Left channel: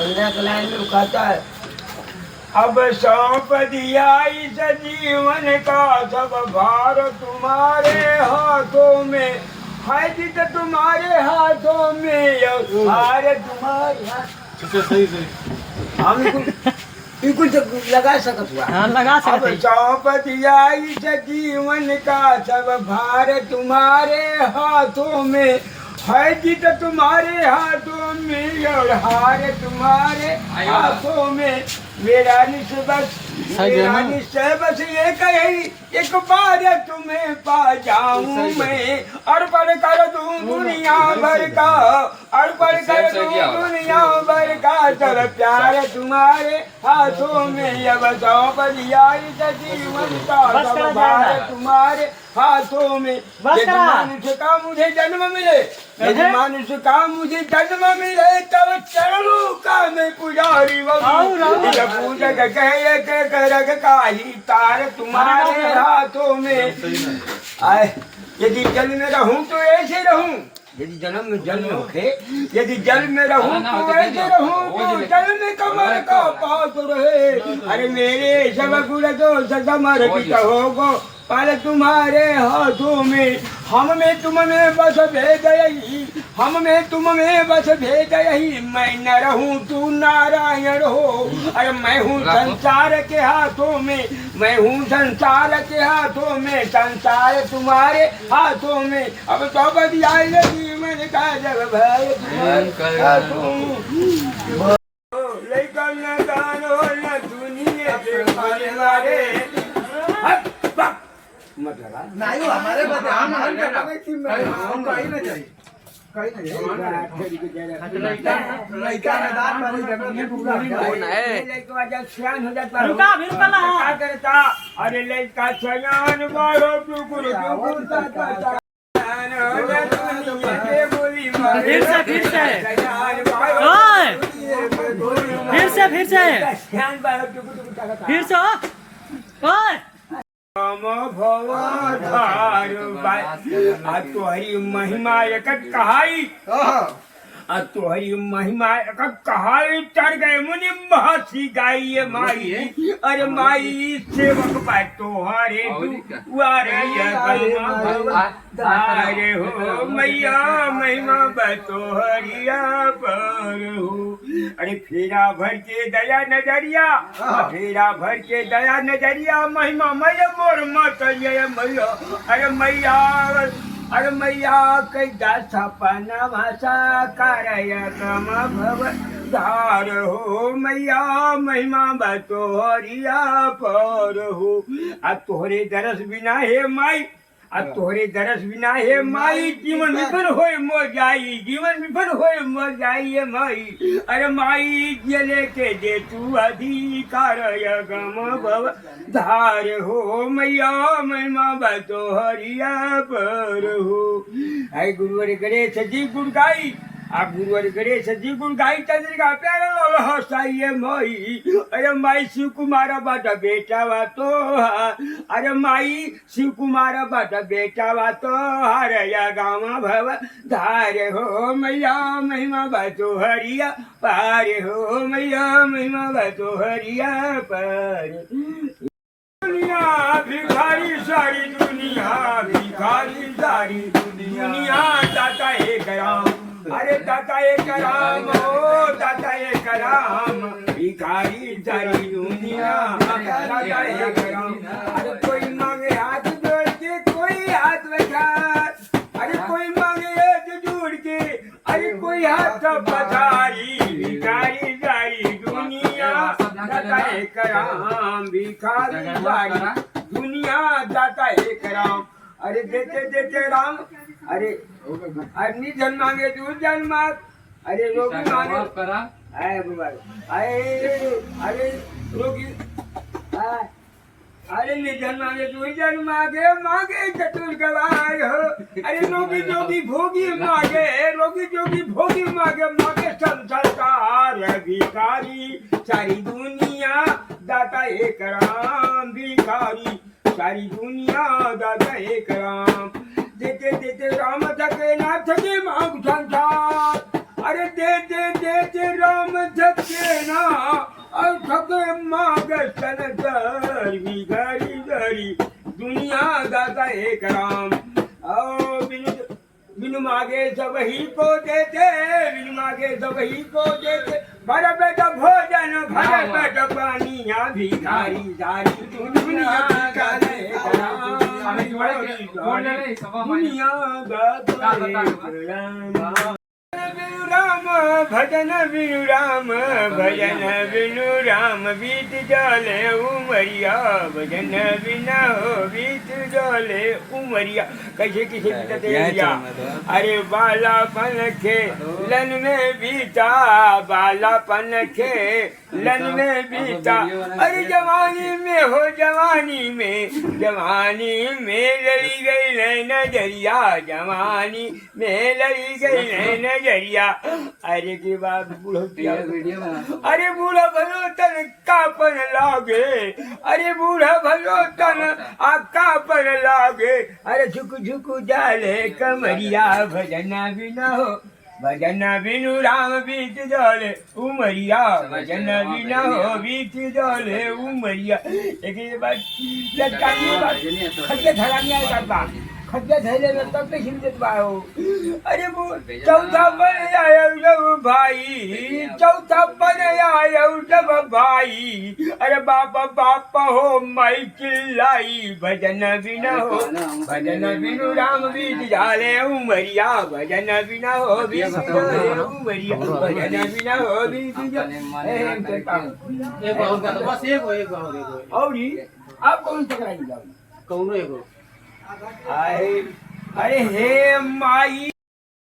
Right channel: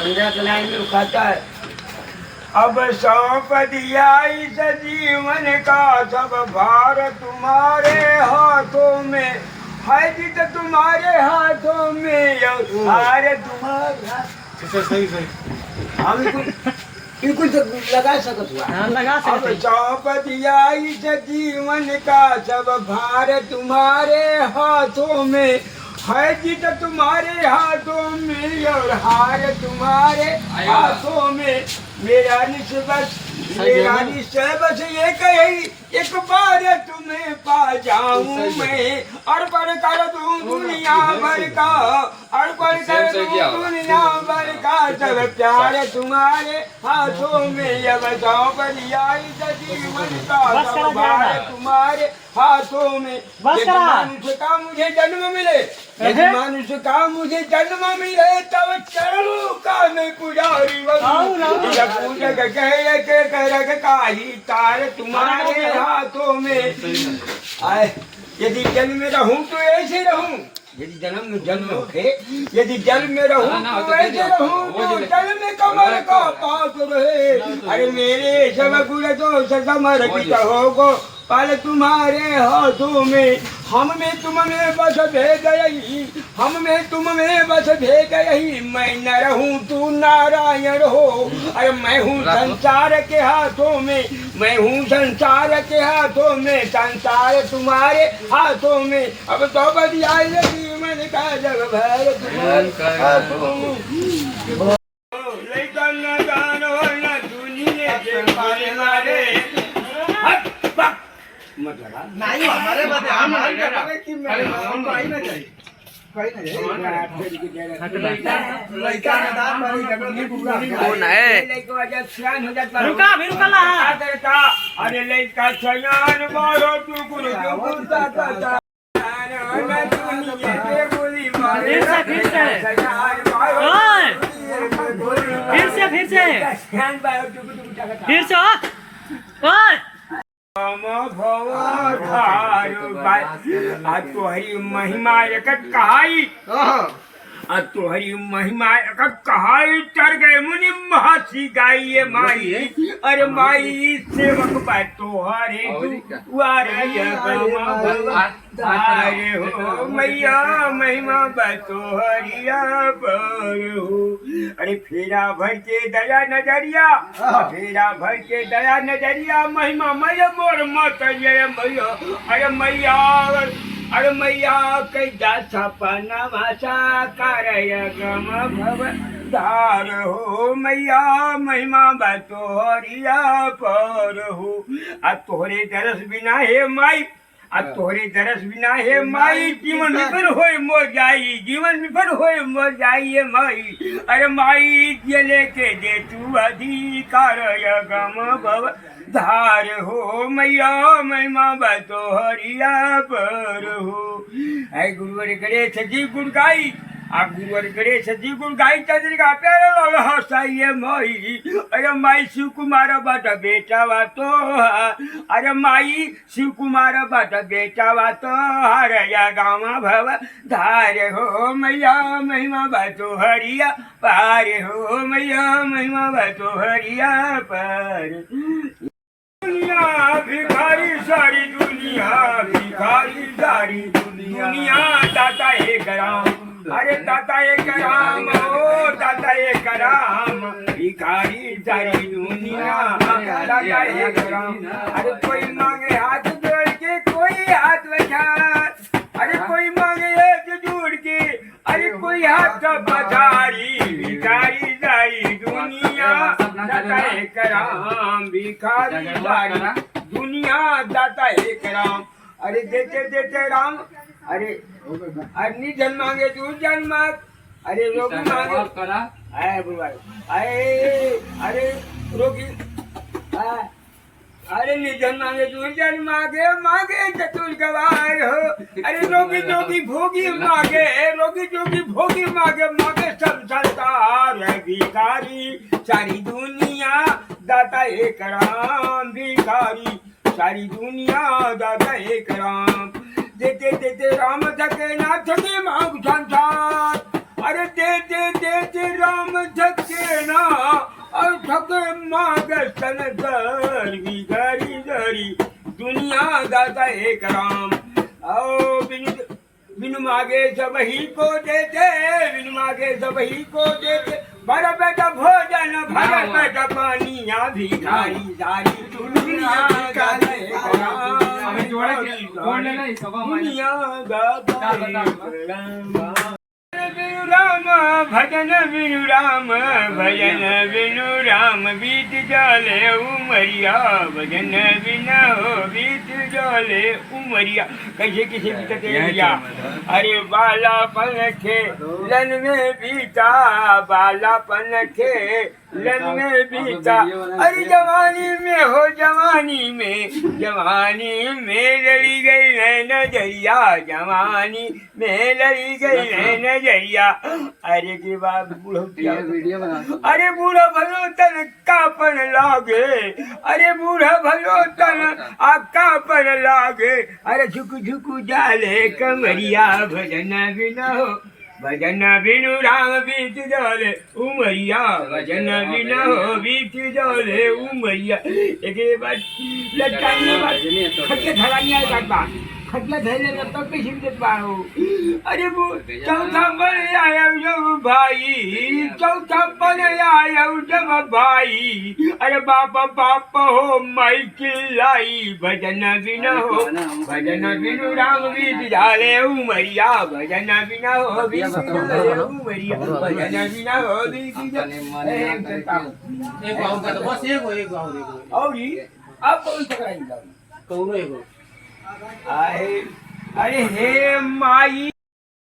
संध्या के लाइन में खाता है। अब सौंप दिया इस जीवन का सब भार तुम्हारे हाथों में है, जित तुम्हारे हाथों में हार तुम्हारे हाथ। सही सही हम बिल्कुल लगा सकत हुआ। हाँ लगा अब सकते सौंप दिया इस जीवन का सब भार तुम्हारे हाथों में है, जित तुम्हारे हाथों में और हार तुम्हारे हाथों में। मेरा निस्बत ये कही एक बार तुम्हें पा जाऊं मैं, अर्पण कर दूं दुनिया भर का, अर्पण कर दूं दुनिया भर का, चल प्यार तुम्हारे हाथों में। अब सौंप दिया इस जीवन का सब भार तुम्हारे हाथों में। यदि मनुष्य का मुझे जन्म मिले, यदि मनुष्य का मुझे जन्म मिले, तब चरणों का मैं पुजारी बनूं। पूजक कह के करक काही तार तुम्हारे हाथों में। आए यदि जल में रहूं तो ऐसे रहूं, यदि जन्म में जन्म होखे, यदि जल में रहूं तो ऐसे रहूं, तो जल में कमर का पास रहे। अरे मेरे सब गुण जो समर्पित होगो पर तुम्हारे हाथों में। हम में तुम में बस भेद यही, हम में तुम में बस भेद यही। मैं न रहूं तू नारायण हो, अरे मैं हूँ संसार के हाथों में, मैं हूँ संसार के हाथों में, संसार तुम्हारे हाथों में। अब तो बदिया जीवन का जग भर तुम्हारे हाथों में। लेकिन न गान हो न दुनिया के मारे मारे मत लगा नहीं हमारे बदे हमारे कि मैं हमको आई ना चाहिए कहीं ना लड़का ना दांत मारी जगह में पूरा कौन है? लड़का वजह छयान हो जाता रुका भी रुका ला क्या करता। अरे लड़का छयान मारो तू गुरु गुरता ता फिर से ओए तोहरी महिमा एकट कहाई, तोहरी महिमा एकट कहाई। चढ़ गए मुनि महसी गाइए माई, अरे माई सेवक बा तोहरे अरे हो मैया महिमा बा तोहरिया पर हो। अरे फेरा भर के दया नजरिया, फेरा भर के दया नजरिया, महिमा मैया मोर मत जय मैया। अरे मैया, अरे मैया कैदा सपना भाषा करय गम भव धार हो। मैया महिमा बा तोहरिया पर हो। आ तोहरे दरस बिना हे माई, आ तोहरे दरस बिना हे माई, जीवन विफल होए मोर जाई, जीवन विफल होए मोर जाई हे माई। अरे माई जले के दे तू अधिकार गम भव धार हो। मैया महिमा बा तोहरिया पर हो। ऐ गुरुवर गणेश जी गुण गाई, आप गुरुवर गणेश जी गुण गाई चंद्रिका प्यारा लगा हसाइए माई। अरे माई शिव कुमार बाटा बेटा वा तो, अरे माई शिव कुमार बाटा बेटा वा तो हर या गामा भव धार हो। मैया महिमा बा तोहरिया पार हो, मैया महिमा बा तोहरिया पर। दुनिया भिखारी सारी दुनिया, भिखारी सारी दुनिया, दाता एक राम, अरे दाता एक राम हो, दाता एक राम, भिखारी सारी दुनिया, दाता एक राम। अरे कोई मांगे हाथ जोड़ के, कोई हाथ बचा, अरे कोई मांगे हाथ जोड़ के, अरे कोई हाथ पधारी, भिखारी सारी दुनिया, दाता एक राम, भिखारी सारी दुनिया, दाता एक राम। अरे देते देते राम, अरे अन्य जन मांगे तू जन मांग, अरे रोगी मांगे आए बुलवाए आए, अरे रोगी अरे निधन मांगे तू जन मांगे, मांगे चतुर गवार हो। अरे रोगी जोगी भोगी मांगे, रोगी जोगी भोगी मांगे, मांगे संसार भिखारी सारी दुनिया, दाता एक राम, भिखारी सारी दुनिया, दाता एक राम। देते देते राम थके ना थके मांग संसार, अरे देते राम थके ना और थके माग सन दर बिगड़ी दरी दुनिया दाता एक राम आओ बिन मागे सब ही को देते बिन मागे सब ही को देते भर पेट भोजन भर पेट पानिया भिखारी सारी दुनिया दाता एक राम दुनिया दाता एक राम राम भजन बिनु राम भजन बिनु राम बीत जाले उमरिया भजन बिना हो बीत जाले उमरिया कैसे किसे बीतते भैया अरे बालापन खेलन में बीता बालापन खेलन में बीता अरे जवानी में हो जवानी में लड़ी गई है नजरिया जवानी में लड़ी गई है नजरिया अरे की बात बूढ़ो अरे बूढ़ा भलो तन कापन लागे अरे बूढ़ा भलो तन कापन लागे अरे झुक झुक जाले कमरिया भजन बिना हो भजन बिनु राम बीत जाले उमरिया भजन बिना हो बीत जाले उमरिया एक बात लटाई बात खड्डे धरानी है बात खड्डे धरे तब पे शिव पाओ अरे वो चौथा पर आया जब भाई चौथा पर आया जब भाई अरे बापा हो माई चिल्लाई भजन बिना हो भजन बिनु राम बीत जाले उमरिया भजन बिना हो बीत जाले उमरिया भजन बिना हो बीत जाले एक और जी आप कौन सा कराएंगे कौन एक अरे हे माई